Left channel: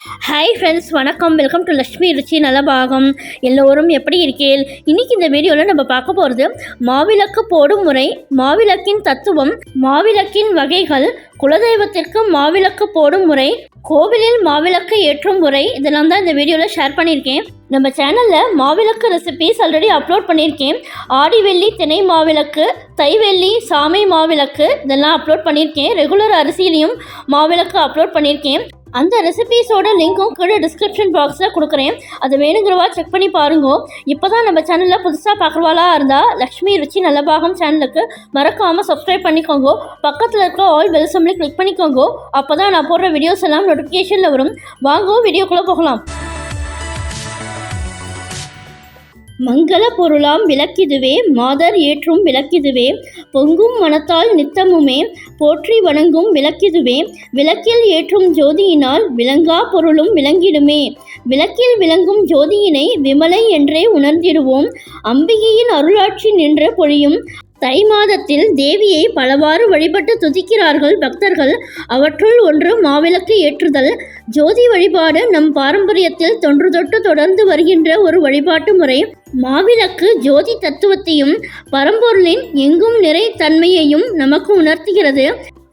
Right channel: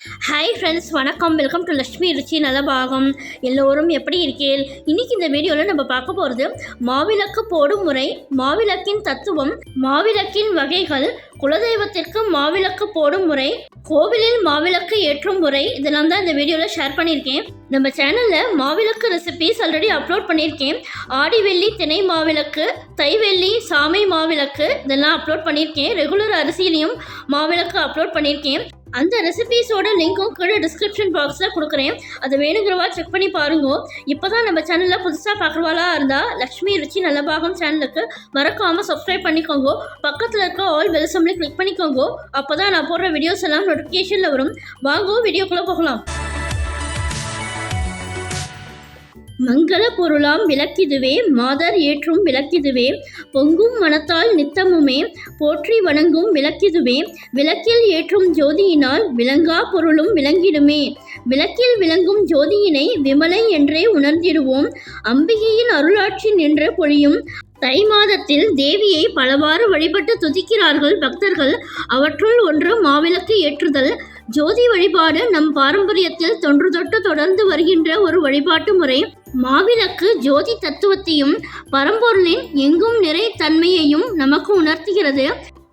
Hi friends, வணக்கம். Welcome to Lakshmi ருச்சி நலபாகம். எல்லோரும் எப்படி இருக்கீர்கள்? இன்றைக்கி இந்த வீடியோவில் நம்ம பார்க்க போகிறது மாவிளக்கு போடும் முறை, மாவிளக்கின் தத்துவம், மாவிளக்கின் வகைகள், குலதெய்வத்திற்கு மாவிளக்கு போடும் முறை, கோவிலில் மாவிளக்கு ஏற்றும் முறை, இதெல்லாம் தான் இந்த வீடியோவில் ஷேர் பண்ணியிருக்கேன். நம்ம சேனலில் மாவிளக்கு ரெசிபீஸ் ஆல்ரெடி அப்லோட் பண்ணியிருக்கேன். ஆடி வெள்ளி திணை மாவிளக்கு, தைவெள்ளி சாமை மாவிளக்கு இதெல்லாம் அப்லோட் பண்ணியிருக்கேன். ரெகுலர் அரிசியிலையும் மாவிளக்கு அப்லோட் பண்ணியிருக்கேன். அந்த ரெசிபீஸோட லிங்க்கும் கீழே டிஸ்கிரிப்ஷன் பாக்ஸில் கொடுக்குறேன். அது வேணுங்கிறவா செக் பண்ணி பாருங்க. இப்போ தான் நம்ம சேனலில் புதுசாக பார்க்குறவாளா இருந்தால் லக்ஷ்மி ருச்சி நலபாகம் சேனலுக்கு மறக்காமல் சப்ஸ்கிரைப் பண்ணிக்கோங்க. பக்கத்தில் இருக்க ஆல் பெல் சிம்பலை கிளிக் பண்ணிக்கோங்க. அப்போ தான் நான் போடுற வீடியோஸ் எல்லாம் நோட்டிஃபிகேஷனில் வரும். வாங்க வீடியோக்குள்ளே போகலாம். மங்கள பொருளாம் விளக்கிதுவே, மாதர் ஏற்றும் விளக்கிதுவே, பொங்கும் மனத்தால் நித்தமுமே போற்றி வணங்கும் விளக்கிதுவே, விளக்கில் ஏற்றும் ஜோதியினால் விளங்கா பொருளும் விளங்கிடுமே, விளக்கில் விளங்கும் ஜோதியினை விமலை என்றே உணர்ந்திடுவோம், அம்பிகையின் அருளாட்சி நின்று பொழியும் தை மாதத்தில் தேவியை பலவாறு வழிபட்டு துதிக்கிறார்கள் பக்தர்கள். அவற்றுள் ஒன்று மாவிளக்கு ஏற்றுதல். ஜோதி வழிபாடு நம் பாரம்பரியத்தில் தொன்று தொட்டு தொடர்ந்து வருகின்ற ஒரு வழிபாட்டு முறை. மாவிளக்கு ஜோதி தத்துவத்தையும் பரம்பொருளின் எங்கும் நிறை தன்மையையும் நமக்கு உணர்த்துகிறது.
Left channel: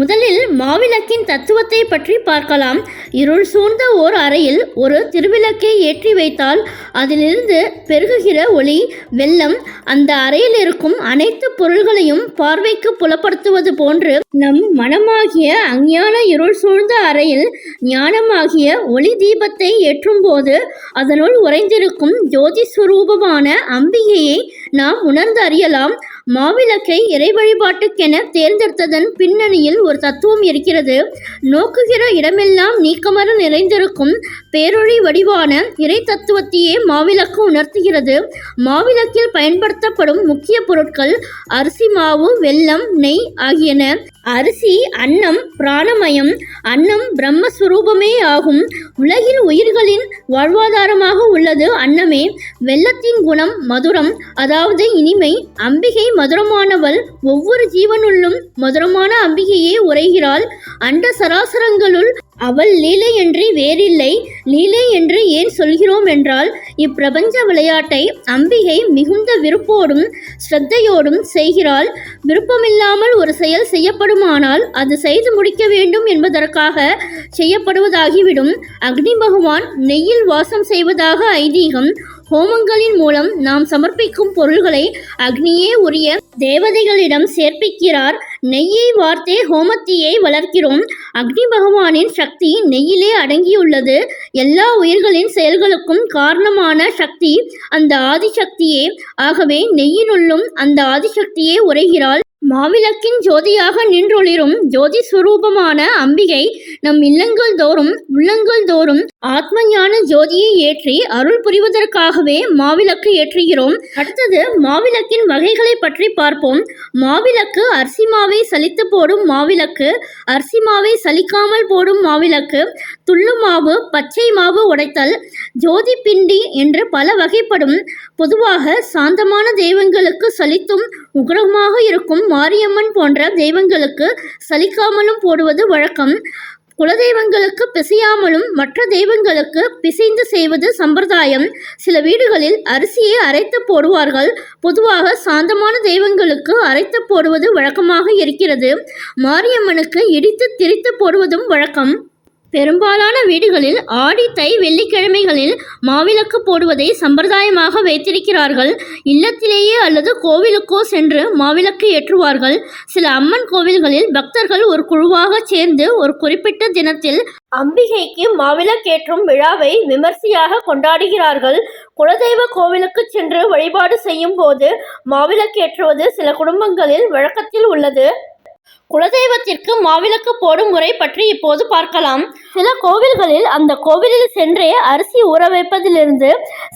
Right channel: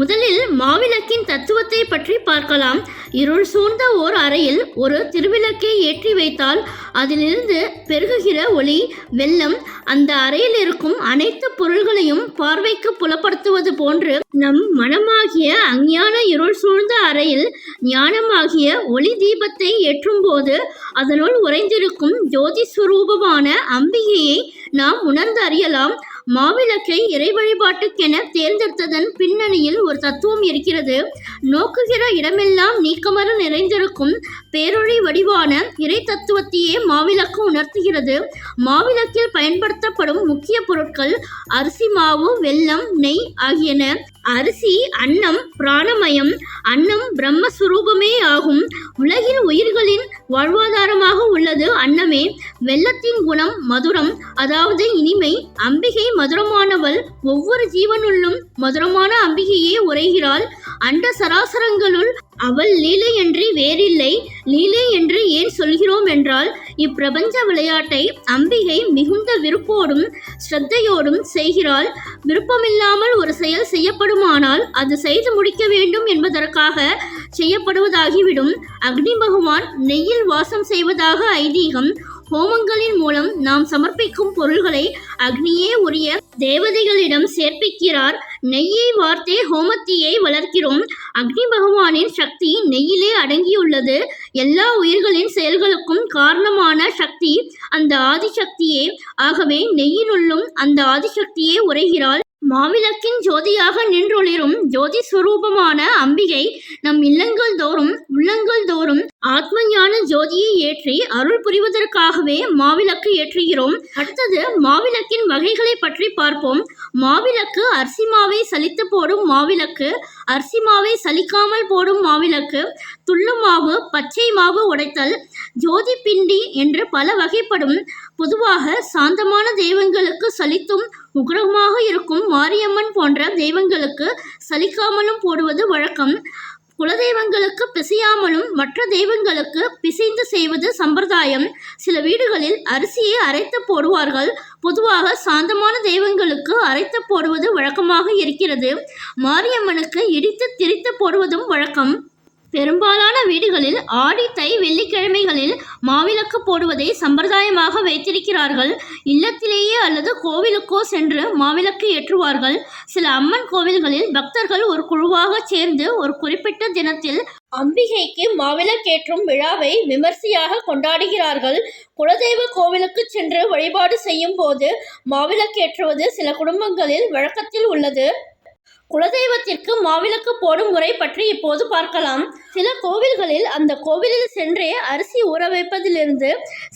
முதலில் மாவிளக்கின் தத்துவத்தை பற்றி பார்க்கலாம். இருள் சூழ்ந்த ஓர் அறையில் ஒரு திருவிளக்கை ஏற்றி வைத்தால் அதிலிருந்து பெருகுகிற ஒளி வெள்ளம் அந்த அறையில் இருக்கும் அனைத்து பொருள்களையும் பார்வைக்கு புலப்படுத்துவது போன்று நம் மனமாகிய அஞ்ஞான இருள் சூழ்ந்த அறையில் ஞானமாகிய ஒளி தீபத்தை ஏற்றும் போது அதனுள் உறைந்திருக்கும் ஜோதி சுரூபமான அம்பிகையை நாம் உணர்ந்து அறியலாம். மாவிளக்கை இறை வழிபாட்டுக்கென தேர்ந்தெடுத்ததன் பின்னணியில் ஒரு தத்துவம் இருக்கிறது. நோக்குகிற இடமெல்லாம் நீக்கமர நிறைந்திருக்கும் பேரொளி வடிவான இறை தத்துவத்தையே மாவிளக்கு உணர்த்துகிறது. மாவிளக்கில் பயன்படுத்தப்படும் முக்கிய பொருட்கள் அரிசி மாவு, வெல்லம், நெய் ஆகியன. அரிசி அன்னம் பிராணமயம். அன்னம் பிரம்மஸ்வரூபமே ஆகும். உலகில் உயிர்களின் வாழ்வாதாரமாக உள்ளது அன்னமே. வெல்லத்தின் குணம் மதுரம், அதாவது இனிமை. அம்பிகை மதுரமானவள். ஒவ்வொரு ஜீவனுள்ளும் மதுரமான அம்பிகையே உரைகிறாள். அண்ட சராசரங்களுள் அவள் லீலை என்று வேறில்லை. லீலை என்று ஏன் சொல்கிறோம் என்றால், இப்பிரபஞ்ச விளையாட்டை அம்பிகை மிகுந்த விருப்போடும் ஸ்ரத்தையோடும் செய்கிறாள். விருப்பமில்லாமல் ஒரு செயல் செய்யப்படுமானால் அது செய்து முடிக்க வேண்டும் என்பதற்காக செய்யப்படுவதாகிவிடும். அக்னி பகவான் நெய்யில் வாசம் செய்வதாக ஐதீகம். ஹோமங்களின் மூலம் நாம் சமர்ப்பிக்கும் பொருள்களை அக்னியே உரிய தேவதைகளிடம் சேர்ப்பிக்கிறார். நெய்யை வார்த்தே ஹோமத்தீயை வளர்க்கிறோம். அக்னி பகவானின் சக்தி நெய்யிலே அடங்கியுள்ளது. எல்லா உயிர்களின் செயல்களுக்கும் காரணமான சக்தி அந்த ஆதிசக்தியே. ஆகவே நெய்யினுள்ளும் அந்த ஆதிசக்தியே உரைகிறாள். மாவிளக்கின் ஜோதியாக நின்றொளிரும் ஜோதி சுரூபமான அம்பிகை நம் இல்லங்கள் தோறும் உள்ளங்கள் தோறும் ஆத்ம ஞான ஜோதியை ஏற்றி அருள் புரிவதற்காகவே மாவிளக்கு ஏற்றுகிறோம். அடுத்தது மாவிளக்கின் வகைகளை பற்றி பார்ப்போம். மாவிளக்கு அரிசி மாவை சலித்து போடும் மாவிளக்கு, அரிசி மாவை சலிக்காமல் போடும் மாவிளக்கு, துள்ளு மாவு, பச்சை மாவு உடைத்தல், ஜோதி பிண்டி என்று பல வகைப்படும். பொதுவாக சாந்தமான தெய்வங்களுக்கு சலித்தும் உக்ரமாக இருக்கும் மாரியம்மன் போன்ற தெய்வங்களுக்கு சலிக்காமலும் போடுவது வழக்கம். குலதெய்வங்களுக்கு பிசையாமலும் மற்ற தெய்வங்களுக்கு பிசைந்து செய்வது சம்பிரதாயம். சில வீடுகளில் அரிசியை அரைத்து போடுவார்கள். பொதுவாக சாந்தமான தெய்வங்களுக்கு அரைத்து போடுவது வழக்கமாக இருக்கிறது. மாரியம்மனுக்கு இடித்து திரித்து போடுவதும் வழக்கம். பெரும்பாலான வீடுகளில் ஆடி தை வெள்ளிக்கிழமைகளில் மாவிளக்கு போடுவதை சம்பிரதாயமாக வைத்திருக்கிறார்கள். இல்லத்திலேயே அல்லது கோவிலுக்கோ சென்று மாவிளக்கு ஏற்றுவார்கள். சில அம்மன் கோவில்களில் பக்தர்கள் ஒரு குழுவாக சேர்ந்து ஒரு குறிப்பிட்ட தினத்தில் அம்பிகைக்கு மாவிளக்கேற்றும் விழாவை விமர்சையாக கொண்டாடுகிறார்கள். குலதெய்வ கோவிலுக்கு சென்று வழிபாடு செய்யும் போது மாவிளக்கேற்றுவது சில குடும்பங்களில் வழக்கத்தில் உள்ளது. குலதெய்வத்திற்கு மாவிளக்கு போடும் முறை பற்றி இப்போது பார்க்கலாம். சில கோவில்களில் அந்த கோவிலில் சென்றே அரிசி ஊற வைப்பதிலிருந்து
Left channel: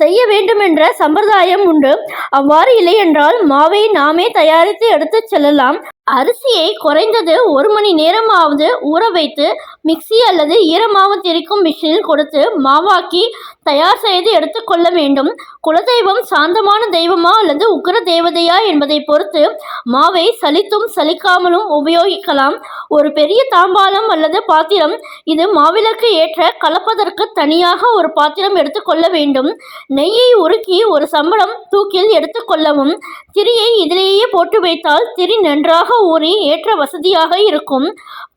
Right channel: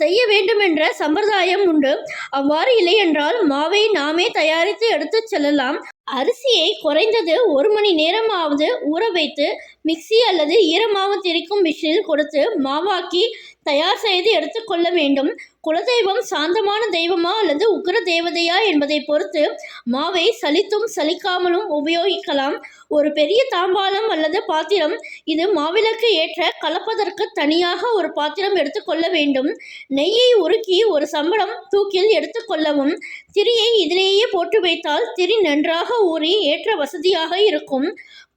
செய்ய வேண்டுமென்ற சம்பிரதாயம் உண்டு. அவ்வாறு இல்லை என்றால் மாவை நாமே தயாரித்து எடுத்து செல்லலாம். அரிசியை குறைந்தது 1 மணி நேரமாவது ஊற வைத்து மிக்சி அல்லது ஈரமாவு திரிக்கும் மிஷினில் கொடுத்து மாவாக்கி தயார் செய்து எடுத்துக்கொள்ள வேண்டும். குலதெய்வம் சாந்தமான தெய்வமா அல்லது உக்கிர தேவதையா என்பதை பொறுத்து மாவை சலித்தும் சலிக்காமலும் உபயோகிக்கலாம். ஒரு பெரிய தாம்பாலம் அல்லது பாத்திரம், இது மாவிளக்கு ஏற்ற கலப்பதற்கு தனியாக ஒரு பாத்திரம் எடுத்துக்கொள்ள வேண்டும். நெய்யை உருக்கி ஒரு சம்படம் தூக்கில் எடுத்துக்கொள்ளவும். திரியை இதிலேயே போட்டு வைத்தால் திரி நன்றாக ஊறி ஏற்ற வசதியாக இருக்கும்.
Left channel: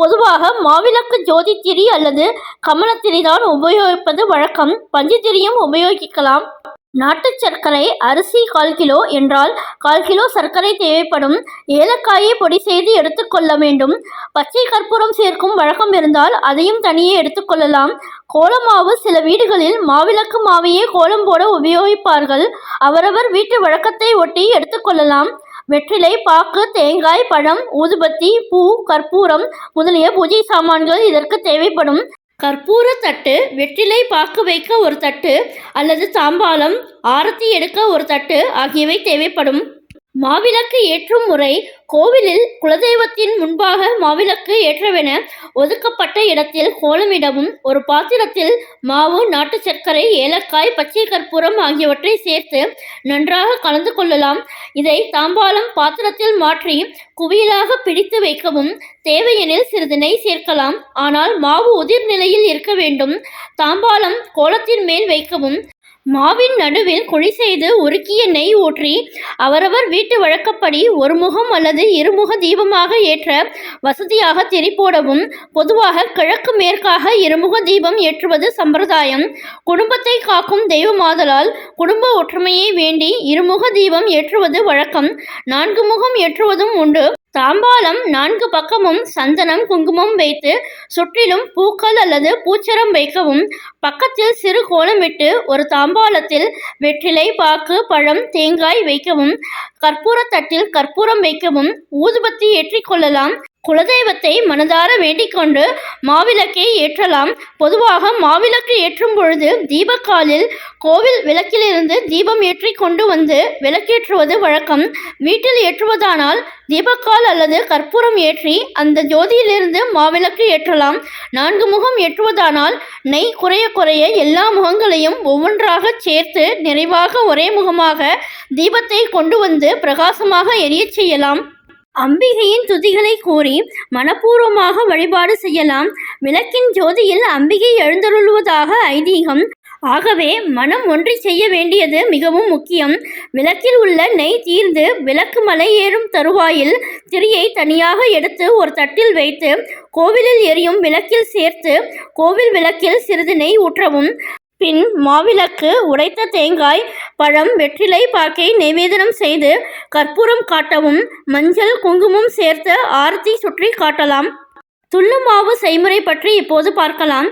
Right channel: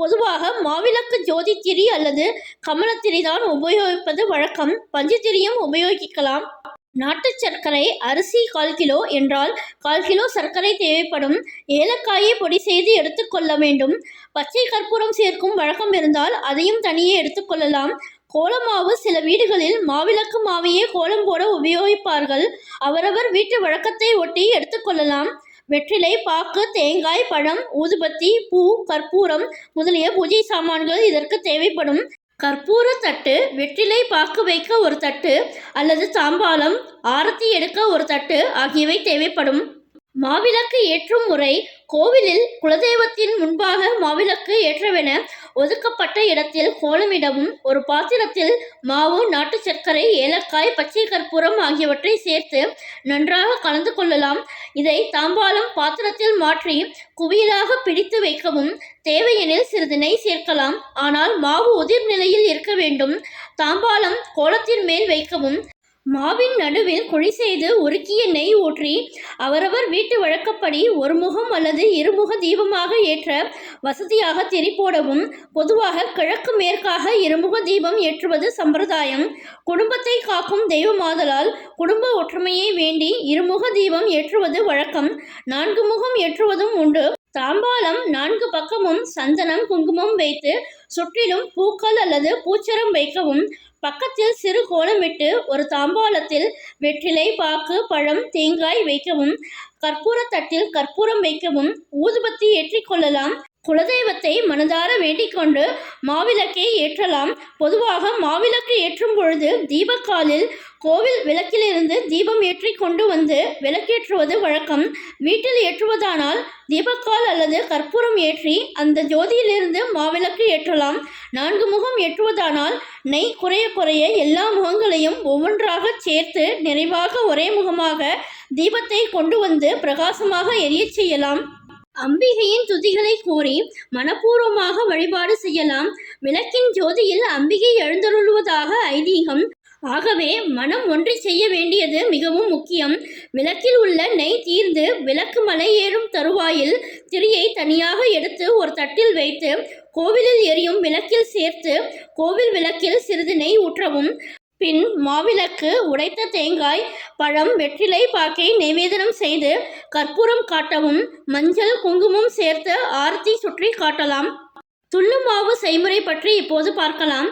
பொதுவாக மாவிளக்கு ஜோதி திரி அல்லது கமலத்திரிதான் உபயோகிப்பது வழக்கம். பஞ்சு திரியும் உபயோகிக்கலாம். நாட்டு சர்க்கரை, அரிசி 1/4 கிலோ என்றால் 1/4 கிலோ சர்க்கரை தேவைப்படும். ஏலக்காயை பொடி செய்து எடுத்துக்கொள்ள வேண்டும். பச்சை கற்பூரம் சேர்க்கும் வழக்கம் இருந்தால் அதையும் தனியே எடுத்துக்கொள்ளலாம். கோலமாவு, சில வீடுகளில் மாவிளக்கு மாவையே கோலம் போட உபயோகிப்பார்கள். அவரவர் வீட்டு வழக்கத்தை ஒட்டி எடுத்துக்கொள்ளலாம். வெற்றிலை, பாக்கு, தேங்காய், பழம், ஊதுபத்தி, பூ, கற்பூரம் முதலிய பூஜை சாமான்கள் இதற்கு தேவைப்படும். கற்பூர தட்டு, வெற்றிலை பாக்கு வைக்க ஒரு தட்டு அல்லது தாம்பாலம், ஆரத்தி எடுக்க ஒரு தட்டு ஆகியவை தேவைப்படும். மாவிளக்கு ஏற்றும் முறை. கோவிலில் குலதெய்வத்தின் முன்பாக மாவிளக்கு ஏற்றவென ஒதுக்கப்பட்ட இடத்தில் கோலமிடவும். ஒரு பாத்திரத்தில் மாவு, நாட்டு சர்க்கரை, ஏலக்காய், பச்சை கற்பூரம் ஆகியவற்றை சேர்த்து நன்றாக கலந்து கொள்ளலாம். இதை தாம்பாலம் பாத்திரத்தில் மாற்றி குவியலாக பிடித்து வைக்கவும். தேவையெனில் சிறிது நெய் சேர்க்கலாம். ஆனால் மாவு உதிர் நிலையில் இருக்க வேண்டும். தாம்பாலம் கோலத்தின் மேல் வைக்கவும். மாவின் நடுவில் குழி செய்து உருக்கிய நெய் ஊற்றி அவரவர் வீட்டு வழக்கப்படி ஒரு முகம் அல்லது இருமுக தீபமாக ஏற்ற வசதியாக திரி போடவும். பொதுவாக கிழக்கு மேற்காக இருமுக தீபம் ஏற்றுவது சம்பிரதாயம். குடும்பத்தை காக்கும் தெய்வமாதலால் குடும்ப ஒற்றுமையை வேண்டி இருமுக தீபம் ஏற்றுவது வழக்கம். 4 முகம் ஏற்றுவதும் உண்டு. தாம்பாலம் 4 பக்கமும் சந்தனம், குங்குமம் வைத்து சுற்றிலும் பூக்கள் அல்லது பூச்சரம் வைக்கவும். பக்கத்தில் சிறு கோலமிட்டு ஒரு தாம்பாலத்தில் வெற்றிலை, பாக்கு, பழம், தேங்காய் வைக்கவும். கற்பூர தட்டில் கற்பூரம் வைக்கவும். ஊதுபத்தி ஏற்றிக்கொள்ளலாம். குலதெய்வத்தை மனதார வேண்டிக் கொண்டு மாவிளக்கை ஏற்றலாம். பொதுவாக மாவிளக்கு ஏற்றும் பொழுது தீபக்காலில் கோவில் விளக்கிலிருந்து தீபம் ஏற்றி கொண்டு வந்து விளக்கேற்றுவது வழக்கம். வீட்டில் ஏற்றுவதானால் தீபக்கால் அல்லது கற்பூரம் ஏற்றி அந்த ஜோதியிலிருந்து மாவிளக்கு ஏற்றலாம். 4 முகம் ஏற்றுவதானால் நெய் குறைய குறைய எல்லா முகங்களையும் ஒவ்வொன்றாக சேர்த்து நிறைவாக ஒரே முகமாக தீபத்தை கொண்டு வந்து பிரகாசமாக எரியச் செய்யலாம். அம்பிகையின் துதிகளை கூறி மனப்பூர்வமாக வழிபாடு செய்யலாம். விளக்கின் ஜோதியில் அம்பிகை எழுந்தருளுவதாக ஐதீகம். ஆகவே மனம் ஒன்றி செய்ய வேண்டியது மிகவும் முக்கியம். விளக்கில் உள்ள நெய் தீர்ந்து விளக்கு மலை ஏறும் தருவாயில் திரியை தனியாக எடுத்து ஒரு தட்டில் வைத்து கோவிலில் எரியும் விளக்கில் சேர்த்து கோவில் விளக்கில் சிறிது நெய் ஊற்றவும். பின் மாவிளக்கு, உடைத்த தேங்காய், பழம், வெற்றிலை பாக்கை நைவேதனம் செய்து கற்பூரம் காட்டவும். மஞ்சள், குங்குமம் சேர்த்து ஆரத்தி சுற்றி காட்டலாம். துள்ளுமாவு செய்முறை பற்றி இப்போது பார்க்கலாம்.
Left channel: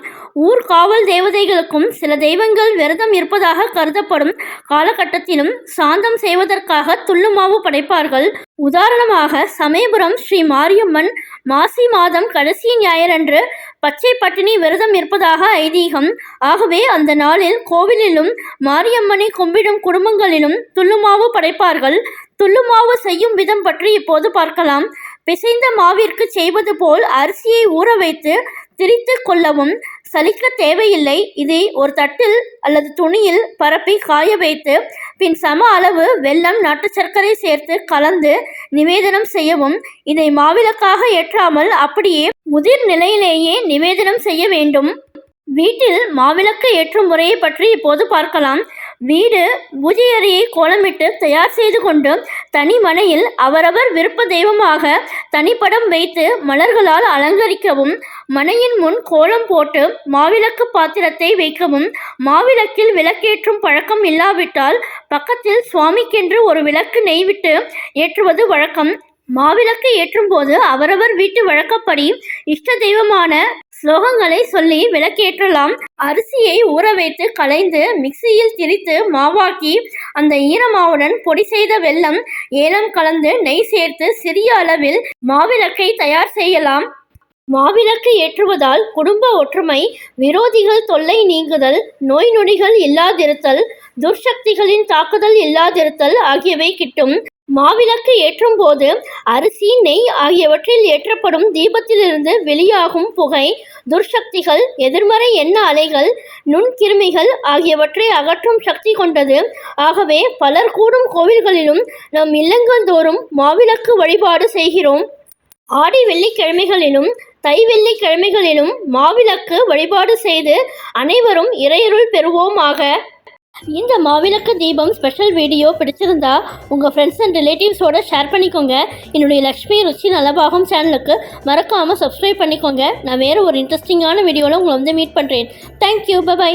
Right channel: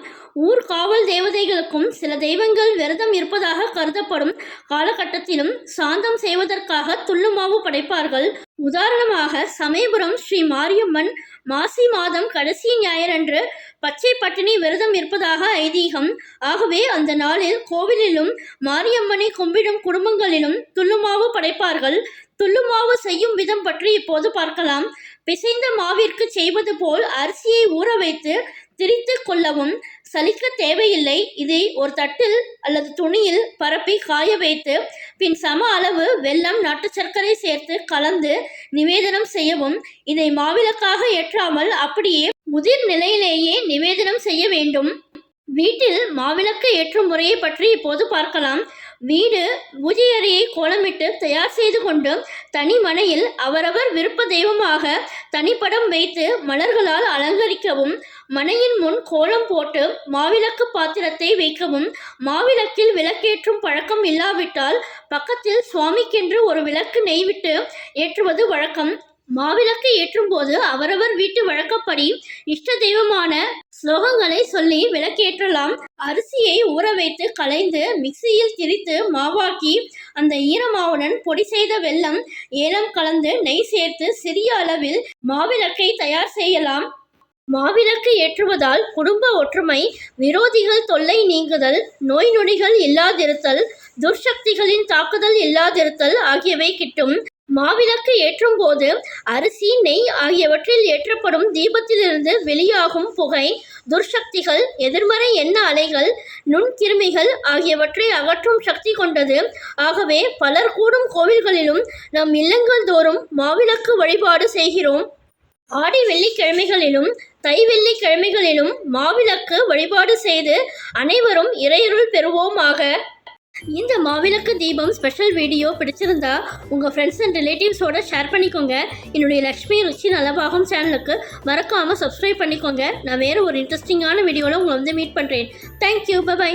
ஊர் காவல் தேவதைகளுக்கும் சில தெய்வங்கள் விரதம் இருப்பதாக கருதப்படும் காலகட்டத்திலும் சாந்தம் செய்வதற்காக துள்ளுமாவு படைப்பார்கள். உதாரணமாக சமயபுரம் ஸ்ரீ மாரியம்மன் மாசி மாதம் கடைசி ஞாயிறன்று பச்சை பட்டினி விரதம் இருப்பதாக ஐதீகம். ஆகவே அந்த நாளில் கோவிலிலும் மாரியம்மனை கும்பிடும் குடும்பங்களிலும் துள்ளுமாவு படைப்பார்கள். துள்ளுமாவு செய்யும் விதம் பற்றி இப்போது பார்க்கலாம். பிசைந்த மாவிற்கு செய்வது போல் அரிசியை ஊற வைத்து திரித்து கொள்ளவும். சலிக்க தேவையில்லை. இதை ஒரு தட்டில் அல்லது துணியில் பரப்பி காய வைத்து பின் சம அளவு வெல்லம், நாட்டு சர்க்கரை சேர்த்து கலந்து நிவேதனம் செய்யவும். இதை மாவிளக்காக ஏற்றாமல் அப்படியே முதிர் நிலையிலேயே நிவேதனம் செய்ய வேண்டும். வீட்டில் மாவிளக்கு ஏற்றும் முறையை பற்றி இப்போது பார்க்கலாம். வீடு பூஜை அறையை கோலமிட்டு தயார் செய்து கொண்டு தனி மனையில் அவரவர் விருப்ப தெய்வமாக தனிப்படம் வைத்து மலர்களால் அலங்கரிக்கவும். மனையின் முன் கோலம் போட்டு மாவிளக்கு பாத்திரத்தை வைக்கவும். மாவிளக்கில் விளக்கேற்றும் பழக்கம் இல்லாவிட்டால் பக்கத்தில் சுவாமிக்கென்று ஒரு விளக்கு நெய்விட்டு ஏற்றுவது வழக்கம். மாவிளக்கு ஏற்றும் போது அவரவர் வீட்டு வழக்கப்படி இஷ்ட தெய்வமான ஸ்லோகங்களை சொல்லி விளக்கேற்றலாம். அரிசியை ஊற வைத்து களைந்து மிக்சியில் திரித்து மாவாக்கி அந்த ஈரமாவுடன் பொடி செய்த வெல்லம், ஏலம் கலந்து நெய் சேர்த்து சிறிய அளவில் மாவிளக்கை தயார் செய்யலாம். மாவிளக்கு ஏற்றுவதால் குடும்ப ஒற்றுமை, விரோதிகள் தொல்லை நீங்குதல், நோய் நொடிகள் இல்லாதிருத்தல், துர்சக்திகளின் தாக்குதல் இல்லாதிருத்தல் ஆகியவை கிட்டும். மாவிளக்கு ஏற்றும் போது அரிசி, நெய் ஆகியவற்றில் ஏற்றப்படும் தீபத்திலிருந்து வெளியாகும் புகை துர்சக்திகள், எதிர்மறை எண்ண அலைகள், நுண்கிருமிகள் ஆகியவற்றை அகற்றும் சக்தி கொண்டது. ஆகவே பலர் கூடும் கோவில்களிலும் நம் இல்லங்கள் தோறும் மாவிளக்கு வழிபாடு செய்கிறோம். ஆடி வெள்ளிக்கிழமைகளிலும் தை வெள்ளிக்கிழமைகளிலும் மாவிளக்கு வழிபாடு செய்து அனைவரும் இறையருள் பெறுவோமாக. இந்த மாவிளக்கு தீபம் ஸ்பெஷல் வீடியோ பிடிச்சிருந்தா உங்கள் ஃப்ரெண்ட்ஸ் அண்ட் ரிலேட்டிவ்ஸோட ஷேர் பண்ணிக்கோங்க. என்னுடைய லக்ஷ்மி ருச்சி நலபாகம் சேனலுக்கு மறக்காமல் சப்ஸ்கிரைப் பண்ணிக்கோங்க. நான் வேறு ஒரு இன்ட்ரெஸ்டிங்கான வீடியோவில் உங்களை மீட் பண்ணுறேன். Thank you, by.